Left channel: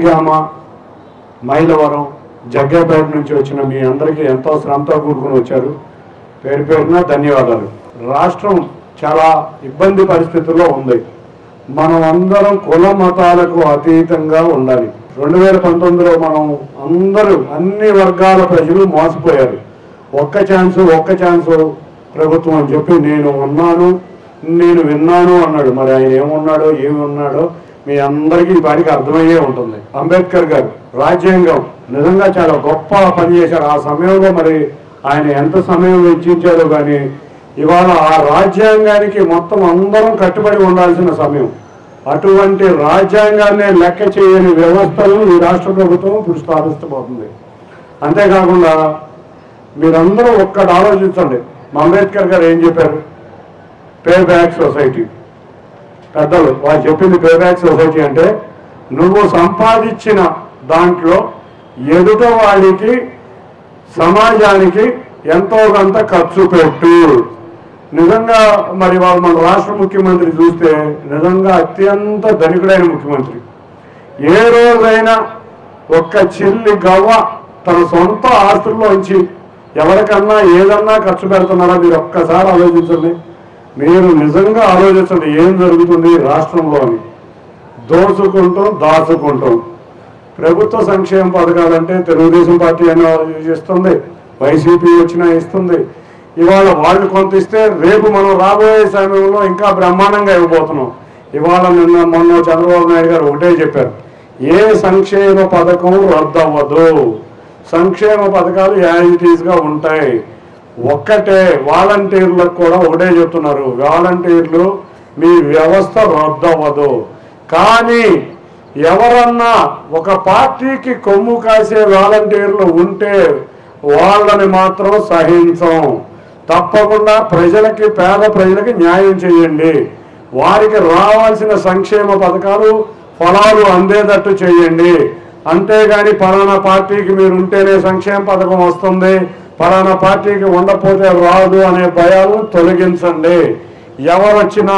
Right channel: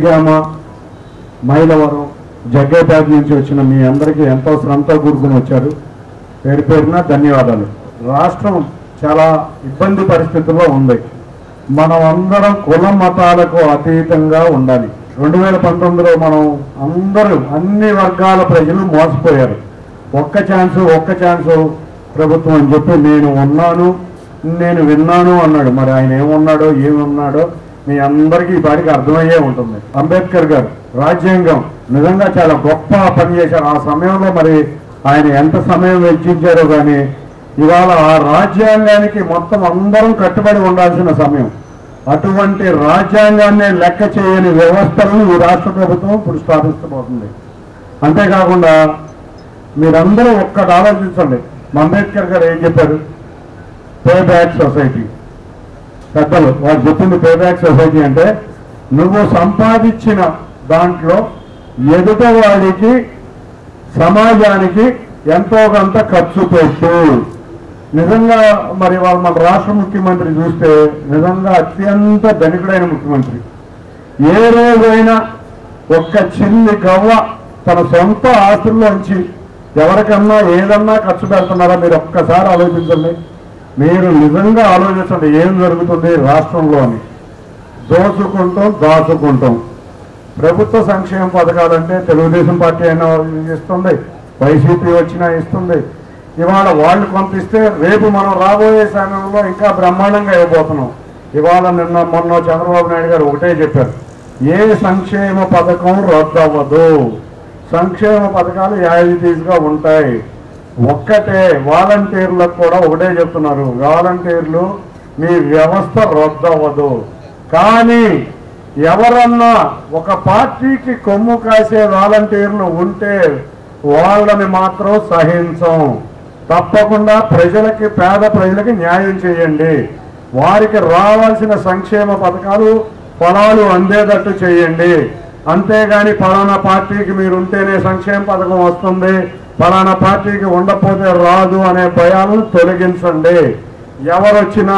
నందిగామ, మైలవరం, జగ్గేపేట నుంచి వచ్చిన మీ అందరికీ ఎంతో శ్రమతో కూడుకుని వచ్చారు. పేరు పేరున ధన్యవాదాలు. రాష్ట్రం చాలా ఇబ్బంది పరిస్థితుల్లో ఉంది. మనం అందరం కుల మతాలకు అతీతంగా ఉండాలి. 2019లో మనం అందరూ అన్ని వర్గాల ప్రజలు మోసపోయారు. ఒక్క ఛాన్స్ ప్రభుత్వం అని చెప్పి నేను ఉన్నాను, నేను విన్నాను అన్నాడు. మరి ఆయన ఏమున్నాడో ఏమున్నాడో మీ అందరికీ ఈ పాటికి అర్థమయ్యే ఉంటుంది. అంబేద్కర్ గారు రాజ్యాంగం నిజంగా చాలా గొప్ప పని చేశారు. ఆ సమయంలో మరి ఆయన ఎంత సమయం వెచ్చించారో కానీ ఇవాళ ఆ రాజ్యాంగానికి మొత్తం అందరం కట్టుబడి ఉండాల్సిన సమయం. అటువంటి రాజ్యాంగాన్ని లెక్క చేయని వ్యవస్థలను ఈ రాష్ట్ర ప్రభుత్వం ఇప్పుడు స్థాపిస్తబోతుంది. అంతేకాకుండా మీరందరూ ఒక్కటి ఆలోచించండి. అంబేద్కర్ గారు ఏం చెప్పారు? Pay back society. పెద్దలు వాళ్ళు చెప్పింది పే బ్యాక్ సొసైటీ అంటే నువ్వు సంపాదించిన దాంట్లో ఎదుట వాడికి సమాజానికి ఎంతో కొంత ఖర్చు పెట్టు. నిజంగా మరి వాళ్ళు మన రాష్ట్ర ముఖ్యమంత్రి చూస్తే నిజంగా అత్యంత ధనికుడైన ముఖ్యమంత్రి. ఏ రోజైనా ఒక్క చిల్లి గవ్వ తన సొంత ఆస్తుల్లోంచి ఎవరికన్నా ఏదన్నా ఖర్చు పెడుతున్నారా? మీరు ఒక్కసారి ఆలోచించండి. మీరు నిజంగా ఆలోచించండి ఏం జరుగుతుంది రాష్ట్రంలో అని. దాచుకుంటాం. ప్రభుత్వ సంక్షేమ పథకాలంటే తెలుగుదేశం పార్టీ అయినా ఇస్తుంది, వైసీపీ వచ్చినా ఇస్తుంది. ఇవాళ వాళ్ళు కొంత ఇస్తే రేపు మనం రాబోయే సమయంలో ఇంకా బ్రహ్మాండంగా ఇవ్వబోతున్నాం. ఇవాళ మొన్న చంద్రబాబు నాయుడు గారు ఒకటే చెప్పారు, ఏ సంక్షేమ పథకం రద్దు అవ్వదు, సంక్షేమ పథకాలు యాజ్ ఇట్ ఈజ్ గా ఉంటాయి. ఒక్కటే వాలంటీర్లకు కూడా ఒకటే చెప్తున్నారు, వాలంటీర్లు మీ వ్యవస్థ రద్దు అవ్వదు. కానీ ఎవరన్నా ఒక పార్టీకి కొమ్ము కాసే వాలంటీర్లు ఉంటే వాళ్ళని మాత్రం సహించం. తప్పకుండా ప్రజలకి, పేద ప్రజలకి న్యాయం చేయండి. వారికి రావాల్సిన సంక్షేమ పథకాలు ఫలాలు అందేటట్టు చేయండి. అంతేగాని పలానా పార్టీకి మీరు ఉంటేనే సంక్షేమ పథకం వస్తుంది, పలానా పార్టీకి ఉండకపోతే రాదు అనే భయాలను తొలగించండి. ఎవరొచ్చినా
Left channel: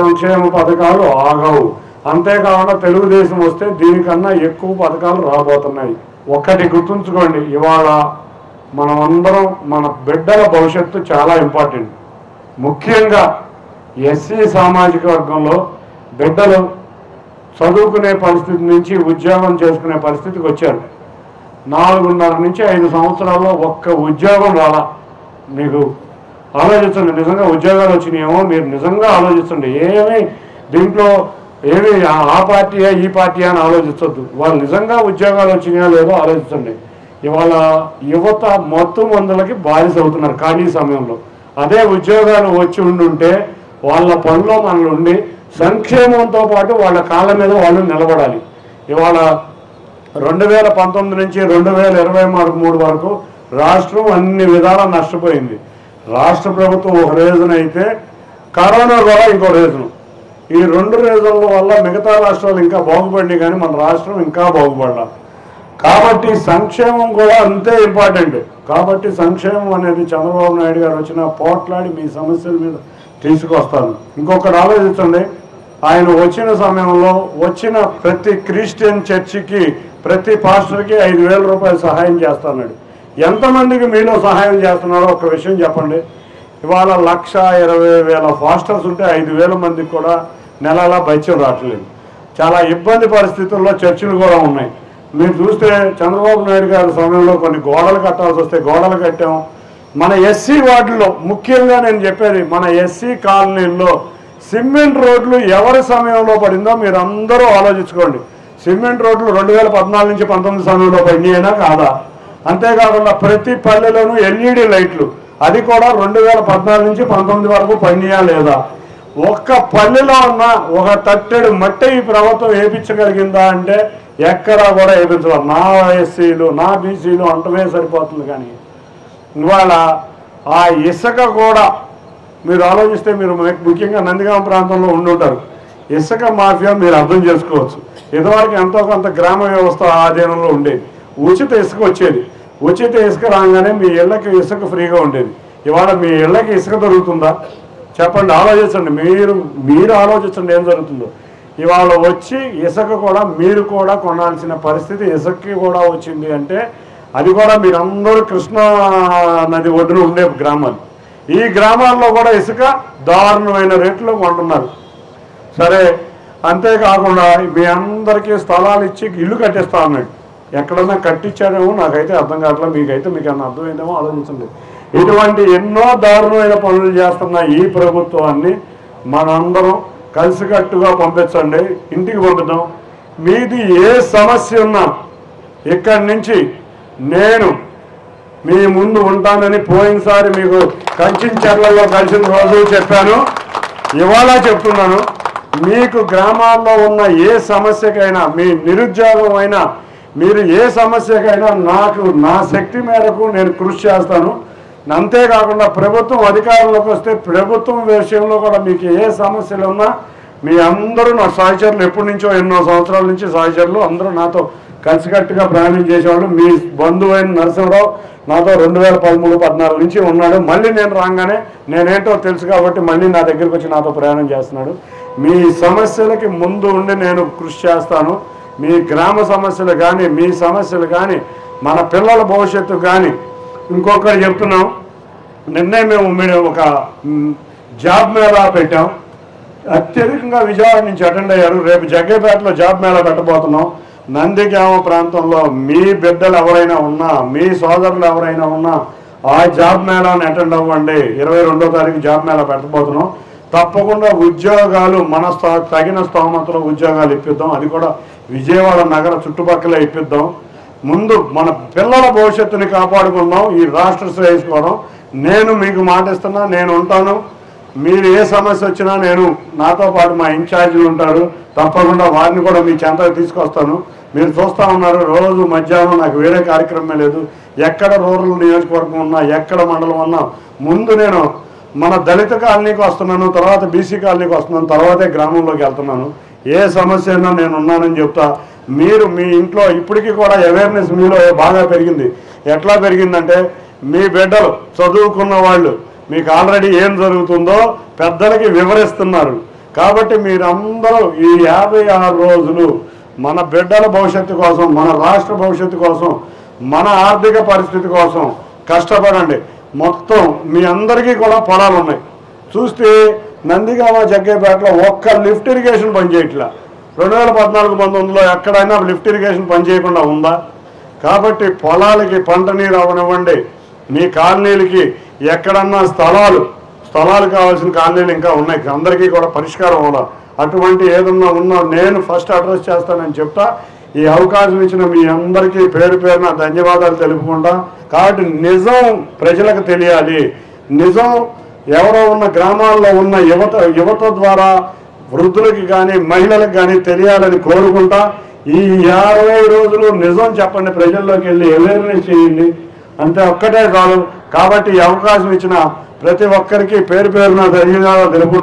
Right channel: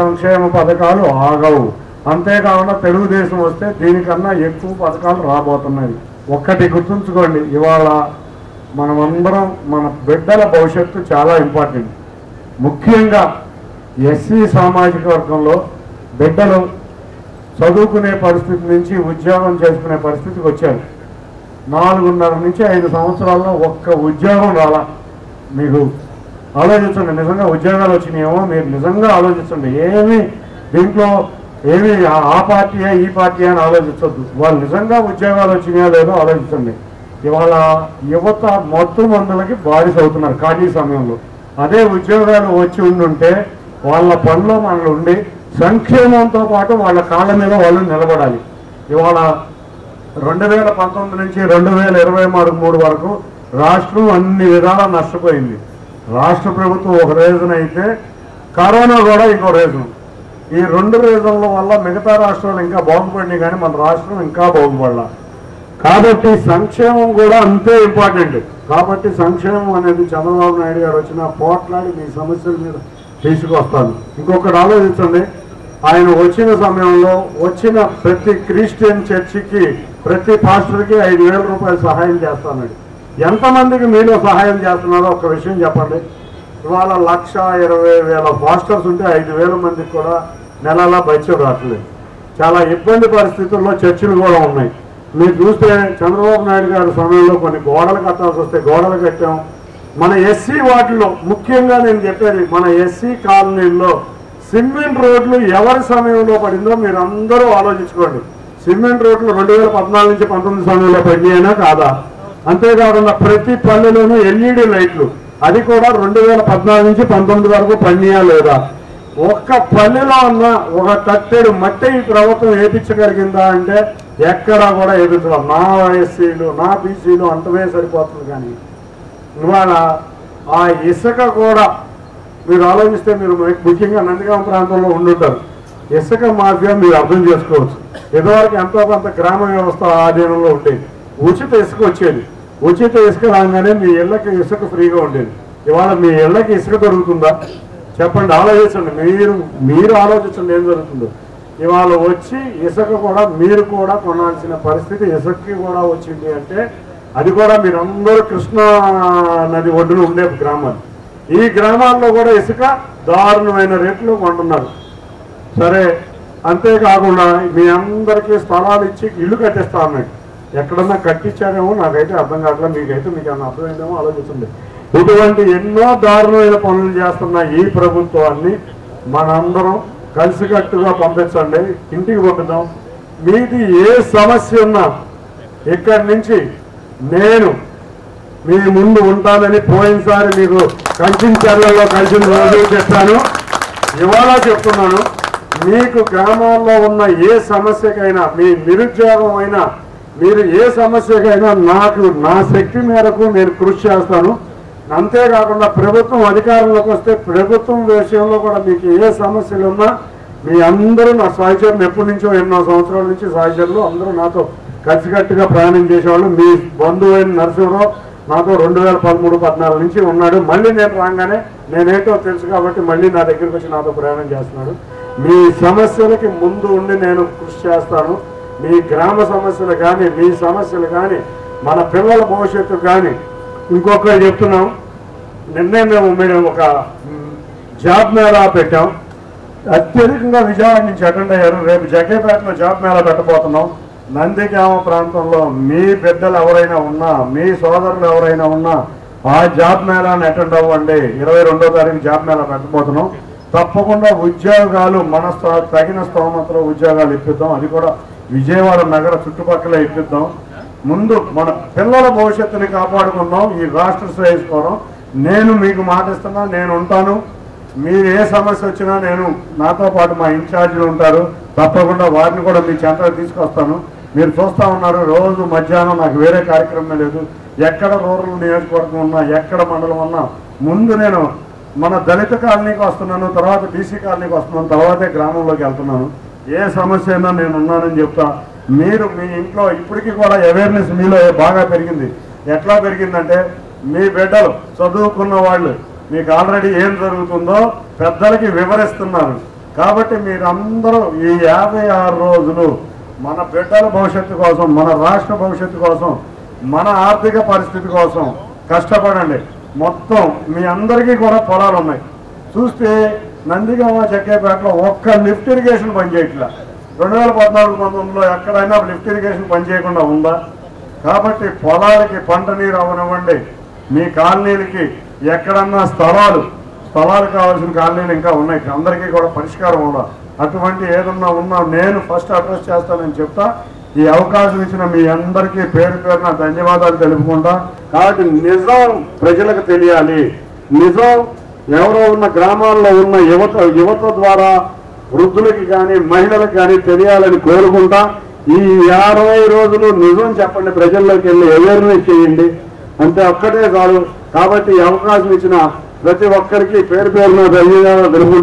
సంక్షేమ పథకాలు ఆగవు. అంతేకాకుండా తెలుగుదేశం వస్తే దీనికన్నా ఎక్కువ పథకాలు రాబోతున్నాయి. ఒక్కటి గుర్తుంచుకోండి, ఇవాళ మనమందరం మన బిడ్డల భవిష్యత్తు చాలా ఇంపార్టెంట్. ముఖ్యంగా ఎస్సీ సామాజిక వర్గంలో బిడ్డలు చదువుకునే పరిస్థితి నుంచి ఉద్యోగం చేసుకునే పరిస్థితికి వచ్చారు. 4.5 నుంచి 5 సంవత్సరాల్లో ఒక్క ఉద్యోగం రాలా. మీకు ఆలోచించండి, నిజంగా ఉద్యోగాలు వచ్చినాయేమో మీరు నిజంగా ఆలోచించండి. దీంట్లో ఏమి ఆ పార్టీయా ఈ పార్టీ అని ఆలోచించొద్దు. వాళ్ళు నిజంగా ఉద్యోగాలు వచ్చినాయో లేదో ఆలోచించండి. ఇవాళ యువత మత్తు మందులకి బానిస అవుతున్నారు ఖాళీ సమయంలో. అదే ఉద్యోగాలు వచ్చి ఉండుంటే వాళ్ళ పనిలో మనలు ఉండి సంక్షేమంతో పాటు వాళ్ళ కాళ్ళ మీద వాళ్ళు నిలబడాలి. ఇవాళ 2019 నుంచి 2023 వరకు రాష్ట్రం అన్ని విధాలా నష్టపోయింది. రాష్ట్ర ప్రభుత్వం ఒక రీజన్ అయితే కరోనా కూడా ఇంకో రీజన్. ఈ 2 రీజన్ల వల్ల మిగతా రాష్ట్రాలు ఇంకా బాగుపడినాయి కానీ మన రాష్ట్రం ఇంకా బాగుపడాల. కాబట్టి సంక్షేమం కూడా అంతే ఇంపార్టెంట్. కాబట్టి సంక్షేమం అనేది చంద్రబాబు నాయుడు గారు వచ్చిన పోట్లాడి మీ సమస్యల మీద తీసుకొస్తాను. ఇంకొకటి ఆలోచించండి, ఆయన వచ్చిన సమయంలో వచ్చిన ప్రతి క్రిస్టియన్ చర్చికి ప్రతి పాస్టర్కి 5,000 రూపాయలు సహాయం చేస్తున్నాడు. ఎంతమందికి మీలో సహాయం చేస్తున్నాడో ఒక విషయం చెప్పండి. ఇవాళ 1,20,000 పాస్టర్స్ ఉంటే 5,000 మందికి కూడా నెలలా బైత్యం రావట్లేదు. చాలా ఇబ్బంది పరిస్థితుల్లో చర్చిలు కూడా ఉన్నాయి. మీరు చూస్తే చంద్రబాబు నాయుడు గారి సమయంలో కొన్ని గోడలు కట్టాల్సి వస్తే గోడలు కట్టాం. మన ఎస్సీ వార్డులో ముఖ్యంగా నేను చెప్పేది, మన ఎస్సీ కాలనీల్లో సిమెంట్ రోడ్లు ఎవరి సమయంలో పడిందో మీరు అందరూ ఆలోచించుకోండి. సిమెంట్ రోడ్లు 2014 నుంచి 19 సమయంలో పడినాయినా కాదా? అంతేకాకుండా ప్రతి పల్లెలోనూ ఎల్ఈడి లైట్లు, అది కూడా 2014 నుంచి 19 వరకు పడినాయా లేదా? ఒక్క పల్లెలో ఉన్న ఒక తట్టెడు మట్టి ఈ ప్రభుత్వం వేయించగలిగిందా అంటే ఎక్కడా కూడా వేయించడం. నా ఎస్సీలు నా బీసీలు అంటమే సరిపోతుంది. కానీ ఇవాళ ఆ ఇసుక కూడా మీరు ఆలోచిస్తే, మీరు ముఖ్యంగా నందిగామ ప్రాంతంలో ఉండుంటారు, ఇసుక మాఫియా మీరు అర్థం చేసుకోవచ్చు. ఇదివరకు ఎంతో కొంత గ్రామ వ్యవస్థ ఆధీనంలో ఉండేది. ఉచిత ఇసుక వచ్చేది. ఉచిత ఇసుక రాగానే మీ ఇళ్ళకి ఇసుక ఫ్రీగా ఉండేది. ఇవాళ మీ ఇళ్ళకి ఇసుక దొరుకుతుందా చెప్పండి? ఆలోచించండి, మీరు ఆలోచించండి ఏం జరుగుతుందో. ఇవాళ వచ్చి ఇసుక కూడా మీరు కూడా కొనాల్సిన పరిస్థితి ఇసుకకి కూడా వచ్చింది అంటే అది కూడా మీరందరూ కృష్ణా నది ఒడ్డున ఉండే గ్రామాలు. ఈ గ్రామాల్లో కూడా ఇసుక దారుణమైన రేట్లు కొంటున్నారు. సరే, అంతేకాకుండా మీ అందరికీ స్థలాలు ఇచ్చి ఇల్లు కట్టిస్తా అన్నాడు. ఎక్కడన్నా కట్టించాడేమో నాకైతే అర్థం కావట్లేదు, మీకైతే మీకు ఏమైనా అర్థమైందేమో ఆలోచిస్తుంది. ఇటువంటి ఎన్నో దారుణమైన పనులు చేస్తున్న ఈ ప్రభుత్వాన్ని మనందరం కలిసికట్టుగా పంపించండి, ఇంటికి పంపిద్దాం. మీది ఏ సమస్య ఉన్నా ఇక్కడి నుంచి నేను మీ ముందు ఉంటానని పోయినసారి మీకు కలిసిన చెర్లలో కలిసిన రోజు చెప్పాను, ఇవాళ చెప్తున్నాను. మీకు గ్రామాల్లో ఉన్న ఏ సమస్యకైనా, మీ నిరుద్యోగం అయినా, మీరు ఏ సమస్యకైనా నాకు నా శక్తి మేరకు నేను కృషి చేస్తాను. అంతేకాకుండా ప్రభుత్వం అధికారంలోకి వస్తే ప్రభుత్వం విషయంలో కూడా మీకు ఏ సమస్యలు ఉన్నా మీ అందరూ నా సహచరులు, ఎప్పటి నుంచో ఎన్నో సంవత్సరాల నుంచి సహచరులు అందరూ నాతో కలిసికట్టుగా ప్రయాణం చేసేవాళ్ళు. మీ బంధువు అయిన నరసింహరావు నాతో 2013-14 నుంచి ఉన్నాడు. మళ్ళీ నేను రాగానే నేనేంటో తెలుసు కాబట్టి మళ్ళీ నా దగ్గరికి వచ్చి నాతో ప్రయాణం చేస్తున్నాడు. మీ సమస్యలకి ముందు ఉండి నేను కృషి చేస్తాను. మీ గ్రామ సమస్యలు కానీ, మీ సమస్యలు కానీ, మన పిల్లల భవిష్యత్తు కానీ. ఇంకొకటి చెప్తున్నాం, నిన్నే మేము ఒక జాబ్ మేళా పెట్టాం. అత్యధికంగా విజయవాడ నుంచి అటెండ్ అయ్యారు. రేపు జగ్గేపేటలో జాబ్ మేళా పెట్టబోతున్నాం. నందిగామ ప్రాంతంలో మీ బిడ్డలు ఎవరైనా ఉన్నా, మీ సోదరులు ఎవరైనా ఉన్నా ఆ జాబ్ మేళాని అటెండ్ అవ్వండి. 22వ తారీఖు జాబ్ మేళా పెట్టబోతున్నాం. తప్పకుండా ఉద్యోగాలు మన తగిన స్థానంలో ఉద్యోగాలు ఇప్పిద్దాం. అది కూడా విజయవాడ నగర చుట్టుపక్కల ఇప్పిద్దాం. ముందు మన పిల్లల భవిష్యత్తుని కాపాడుకుందాం, ఈ రాష్ట్ర శ్రేయస్కోవడం. నేను మీకు మాట ఇస్తున్నా, నేను ఉంటాను. మీరు ఏ సమస్య వచ్చినా నేను నాతో పాటు మా ఇన్ఛార్జీలు ఉంటారు, తప్పకుండా వారిని కూడా మీ చెంతకు తీసుకొస్తాను. మీరు చూస్తూ ఉన్నారు, రోజు మధ్యాహ్నం నాకు వేరే కార్యక్రమం లేదు. ఎక్కడ రూరల్ నియోజకవర్గం ఉన్నా, ఎక్కడ మండలం ఉన్నా ముందు నేను మన దళిత కాలనీకి వస్తున్నాను, తర్వాత బీసీ కాలనీకి వస్తున్నాను, తర్వాతే గ్రామంలోకి వెళ్తున్నాను. ఏ సమస్య అయినా నేను ఉన్నానని చెప్తా. మీరు మీ ఇంట్లో ఇప్పటికీ కూడా అవేర్నెస్ మీలో బాగా పెరిగింది. ఎట్లా పెరిగిందంటే మీ బిడ్డలు చదువుకున్న వాళ్ళు మీకు ఆల్రెడీ ఏం జరుగుతుందో పెద్దలకి వివరిస్తున్నారు. కాబట్టి మీరందరూ ఈ 56 రోజులు మన బిడ్డల భవిష్యత్తు కోసం, మన రాష్ట్ర భవిష్యత్తు కోసం, మన ఆర్థిక పరిస్థితి కోసం కష్టపడండి. మొత్తం మీ అందరికీ కూడా పొలాలు ఉన్నాయి. చూస్తే నందిగామ జగ్గేపేటలో ఒక్క లిఫ్ట్ ఇరిగేషన్ పనిచేయట్లా. 2014-19లో ఎక్కడైనా లిఫ్ట్ ఇరిగేషన్ పనిచేయకుండా ఉందా? కాబట్టి పొలాలకి పంట నీరు అవనివ్వండి. మీ కాలనీలకి ఎక్కడన్నా స్థలాలు కావాల్సిన కాలనీలు ఇంకా ఉన్నాయి, అందరికీ కూడా పరిష్కారం అవ్వాలి. అటువంటి ఏదన్నా ఉన్నా నేను ఫస్ట్ అడ్రస్ చేస్తానని చెప్తా. ఈ అవకాశం ఇచ్చిన మీ అందరికీ పేరు పేరున ధన్యవాదాలు తెలుపుకుంటా. కాబట్టి నిజం ప్రజలకు తెలియాలి. నిజం ఎవరో ఉన్న గ్రామాల్లో ఉన్న యువత ద్వారా వృద్ధులకి కానీ మహిళలకు కానీ తెలియాలని కోరుకుంటా. ఈ 50 రోజులు నిజం చెప్పండి, ప్రజల్లోకి వెళ్ళి అవేర్నెస్ చేయండి, అంతే, ఒక్కటే చాలు. కాబట్టి ఈ అవకాశం ఇచ్చిన ప్రతి ఒక్కరికి పేరు పేరున ధన్యవాదాలు తెలుపుకుంటా.